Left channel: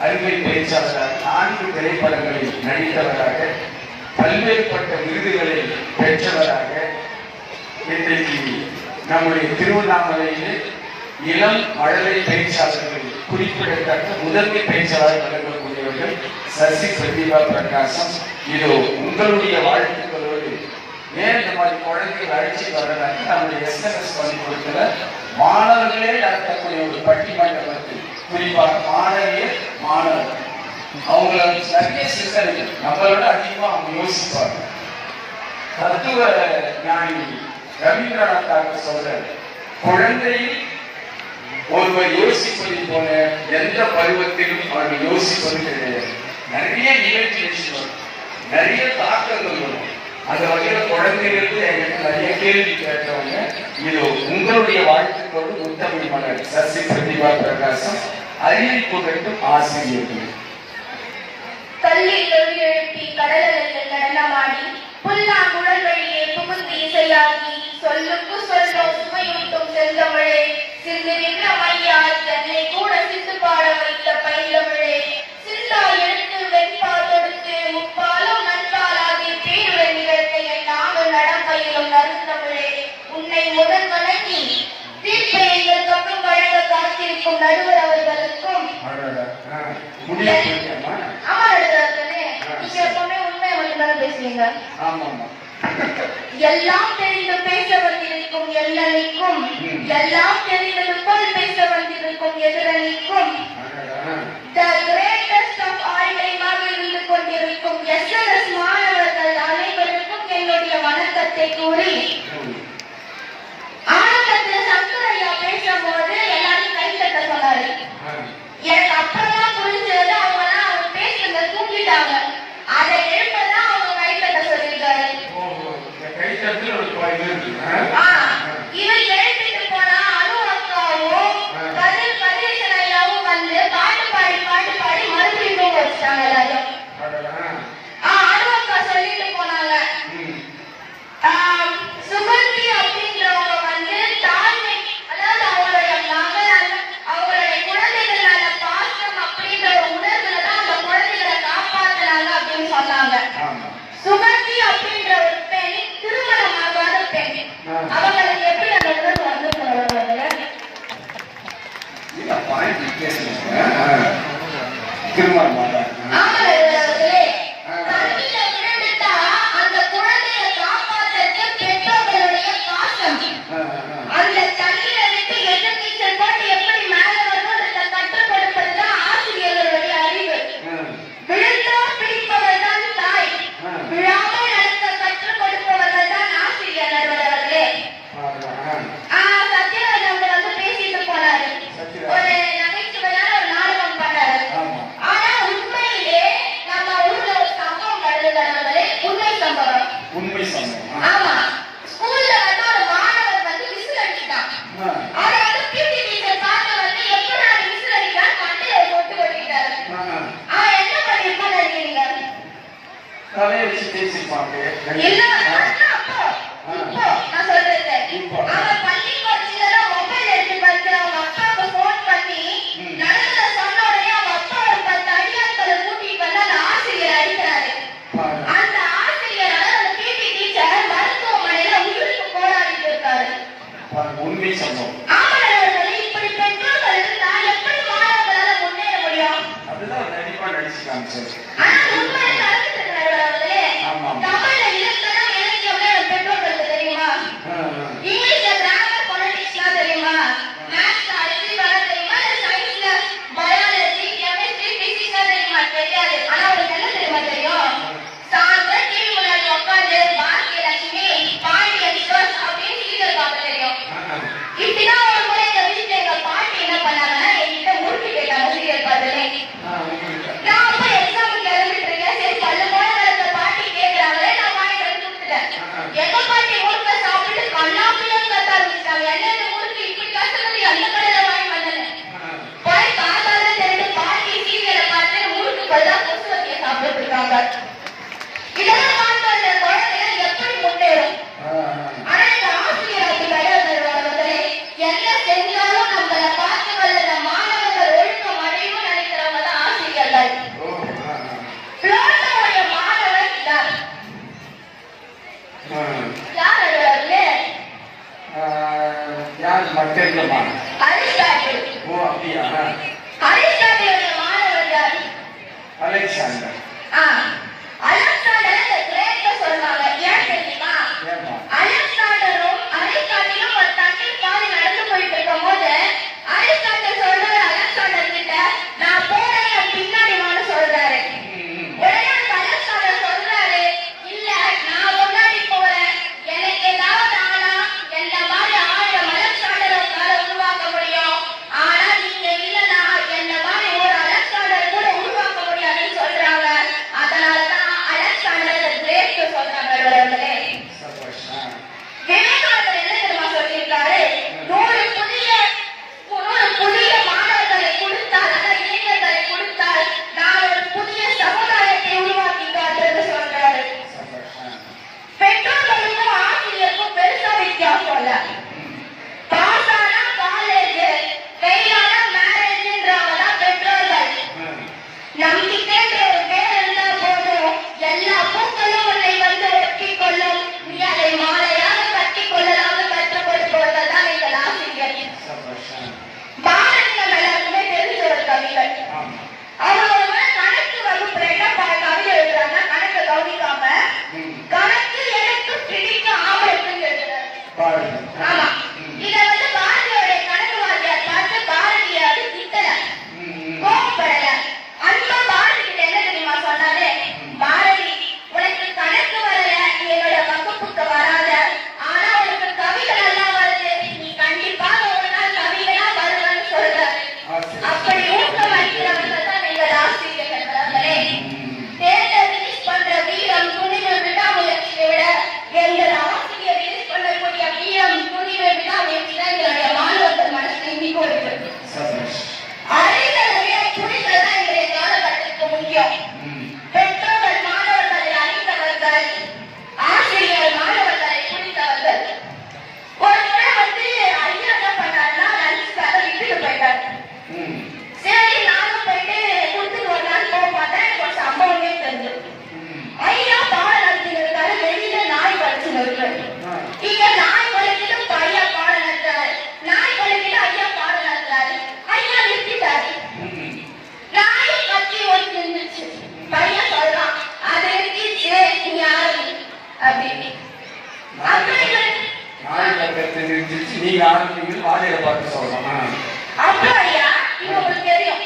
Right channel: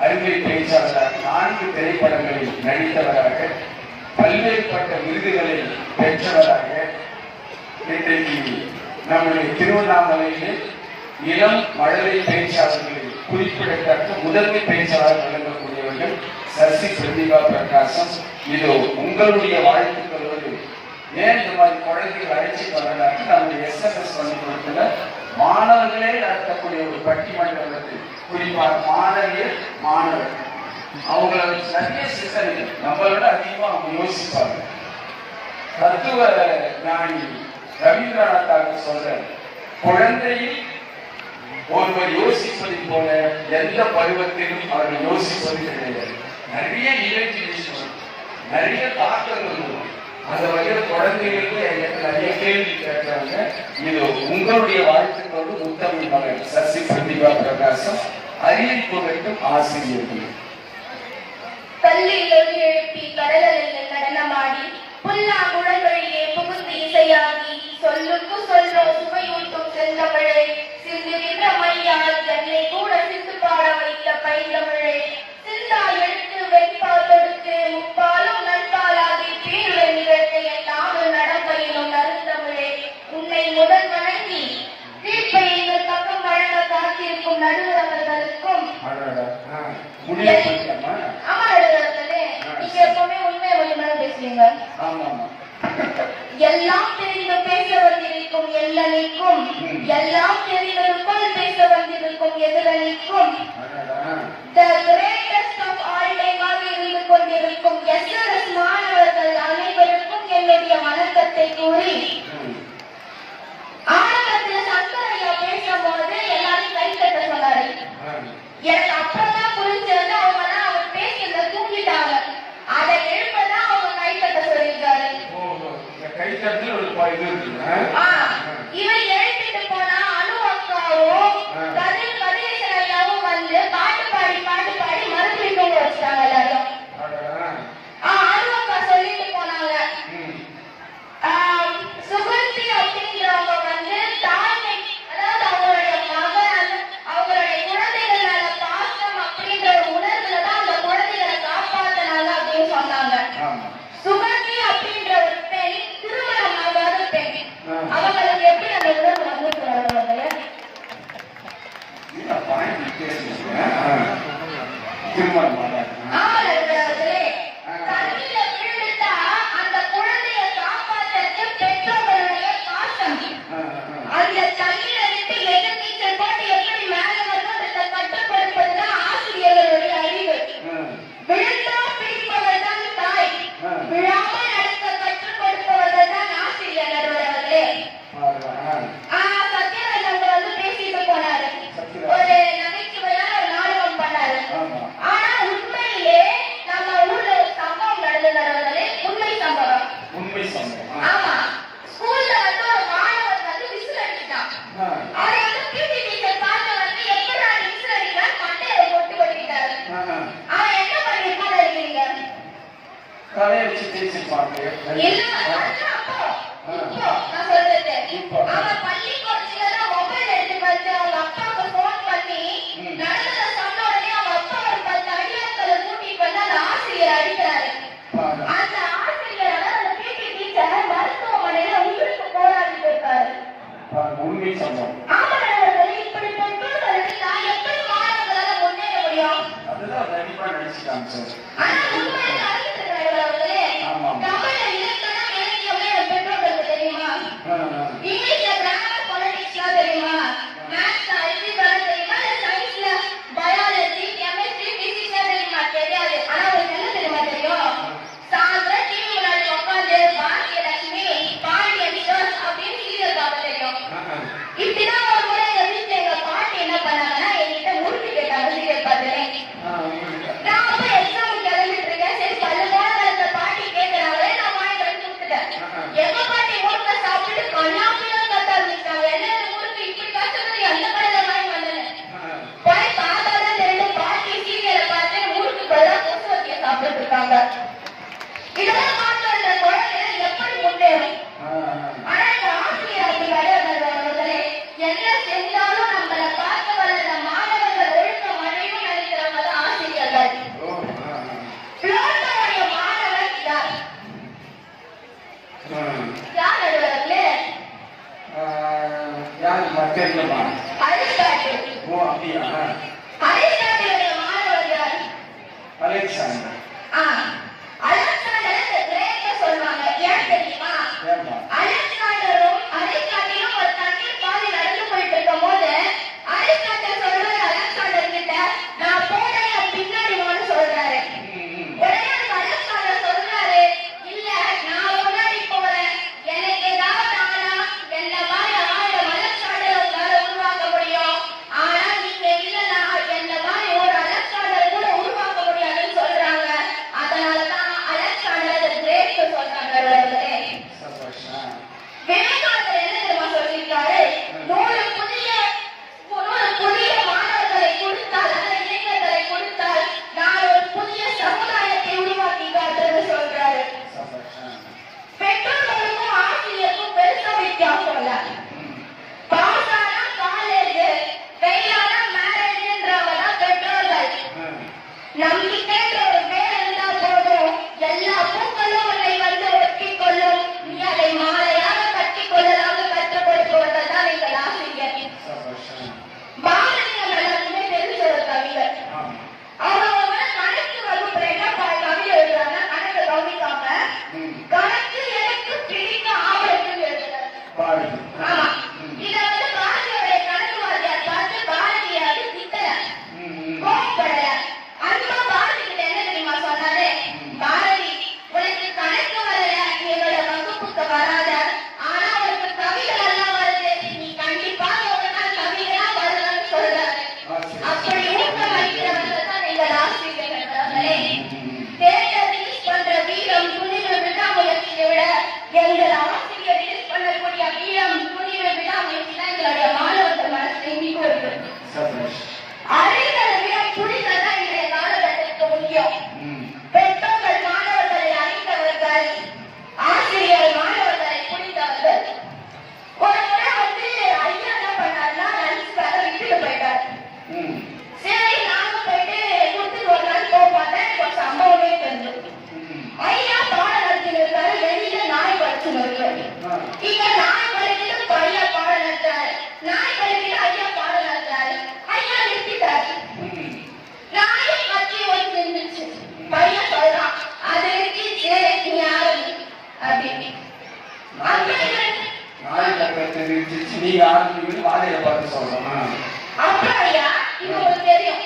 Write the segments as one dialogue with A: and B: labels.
A: அருமை பேச்சாளராக நான்கு திரைப்படங்களில் நடித்தவராக பல்வேறுபட்ட விருதுகளை பெற்றவராக இன்றைக்கு நம்முடைய திருவண்ணாமலையில் இளம் மழலை பேச்சாளர்களில் குறிப்பிடத்தக்க முதன்மை பேச்சாளர் வழங்கக்கூடியவர்கள் சசி பிரதிபா பிரகாசம். இதோ உங்களுடைய வாழ்த்துக்களோடு ஏன் இந்த மாதிரி குழந்தைகள் அழைச்சி வர்றதாக்க நம்முடைய எஸ்எம்எஸ் பள்ளிக்கூடத்துல மாணவர்களே நடத்தக்கூடிய ஒரு பட்டிமன்றத்தில் குறிப்பாக மாணவியர் மாணவர். அவங்கள வச்சு நிறைய சிந்தனைகள் நம்மளோட விட அதிகமா அவங்க யோசிப்பாங்க. தத்துவ ஞானி ரவீந்திரநாத் தாக்கர் சொல்ற குழந்தையில் ஒருவர் யோசிப்பதை போல எந்த பருவத்திலும் அவர்கள் யோசிப்பது கிடையாது. நிறைய நிகழ்ச்சி நிறைய தாக்கங்கள் வரும். அந்த வகையில குழந்தைகளுக்கு நிறைய கேள்வி கேட்கிறவங்க இது உங்களுடைய வாழ்த்துக்களோடு முத்தமிழ் மகள் சசி பிரதிபா பிரகாசம் அறிவிப்பு வேண்டும் ஆசிரியர்கள்.
B: கல்லில் ஒலி எழுப்பி கடலலையில் நடனமாடி புல்லாங்குழல் வழியே புகுந்து இசையாகி சொல்லுக்கு சொல்லோ சுவையூட்டும் செந்தமிழே சிந்து நின்ற மையால் என்னை கூட சிந்து பாட எல்லாம் தெரிந்து பேச வந்திருக்கும் எல்லனிக்கும்
A: ம்.
B: எல்லாம் தெரிந்தது போல் பேச வந்திருக்கும் எதிரனிக்கும்
A: அடடா.
B: The greatest of all time ஆக இருந்து கொண்டிருக்கும் எஸ்என்எஸ் மாணவர்கள் அனைவருக்கும் என்னுடைய வணக்கத்தை கூறி Amen. உண்மை சம்பவம்.
A: ஆ.
B: ஆமா ஸ்கூல்ல வந்து ஒரு மாணவர் வந்து விசில் அடிச்சிட்டான்
A: ஆ.
B: அதை வந்து பிடி டீச்சர் பார்த்து வந்து எப்படி நான் விசில் அடிக்கிறேன் மண்டையில போட்டு கொட்டிட்டாரு
A: ஆ.
B: அவன் என்ன பண்ணிருப்பான்னு நினைக்கிறீங்க
A: தலையை வச்சு பேசிப்பாங்க.
B: இல்ல Thank you. கருத்து தெரிவிச்சு
A: நீங்க
B: ஆரம்பிக்கிறது வாழையை பார்த்து சொல்லலாமா அப்பா ஐயா உங்களுக்கு தெரியும்.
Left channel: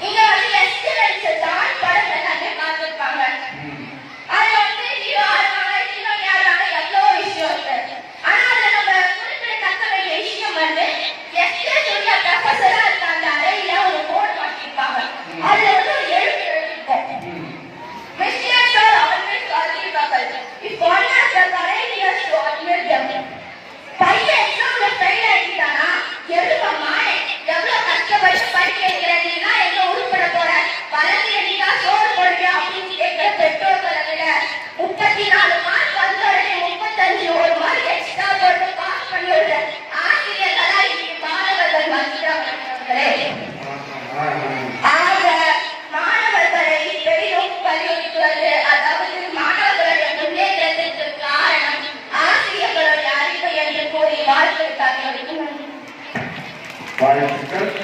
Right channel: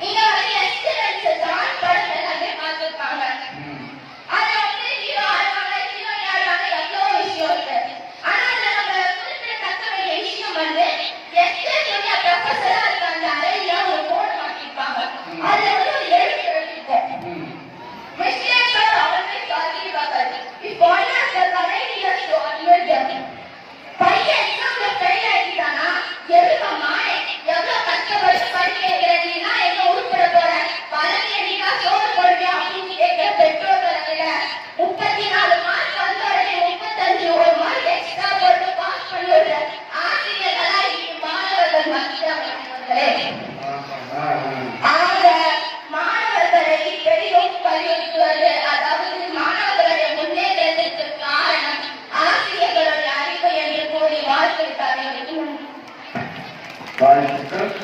B: இங்க வந்து எஸ்டிமெண்ட்ஸ் ஜான்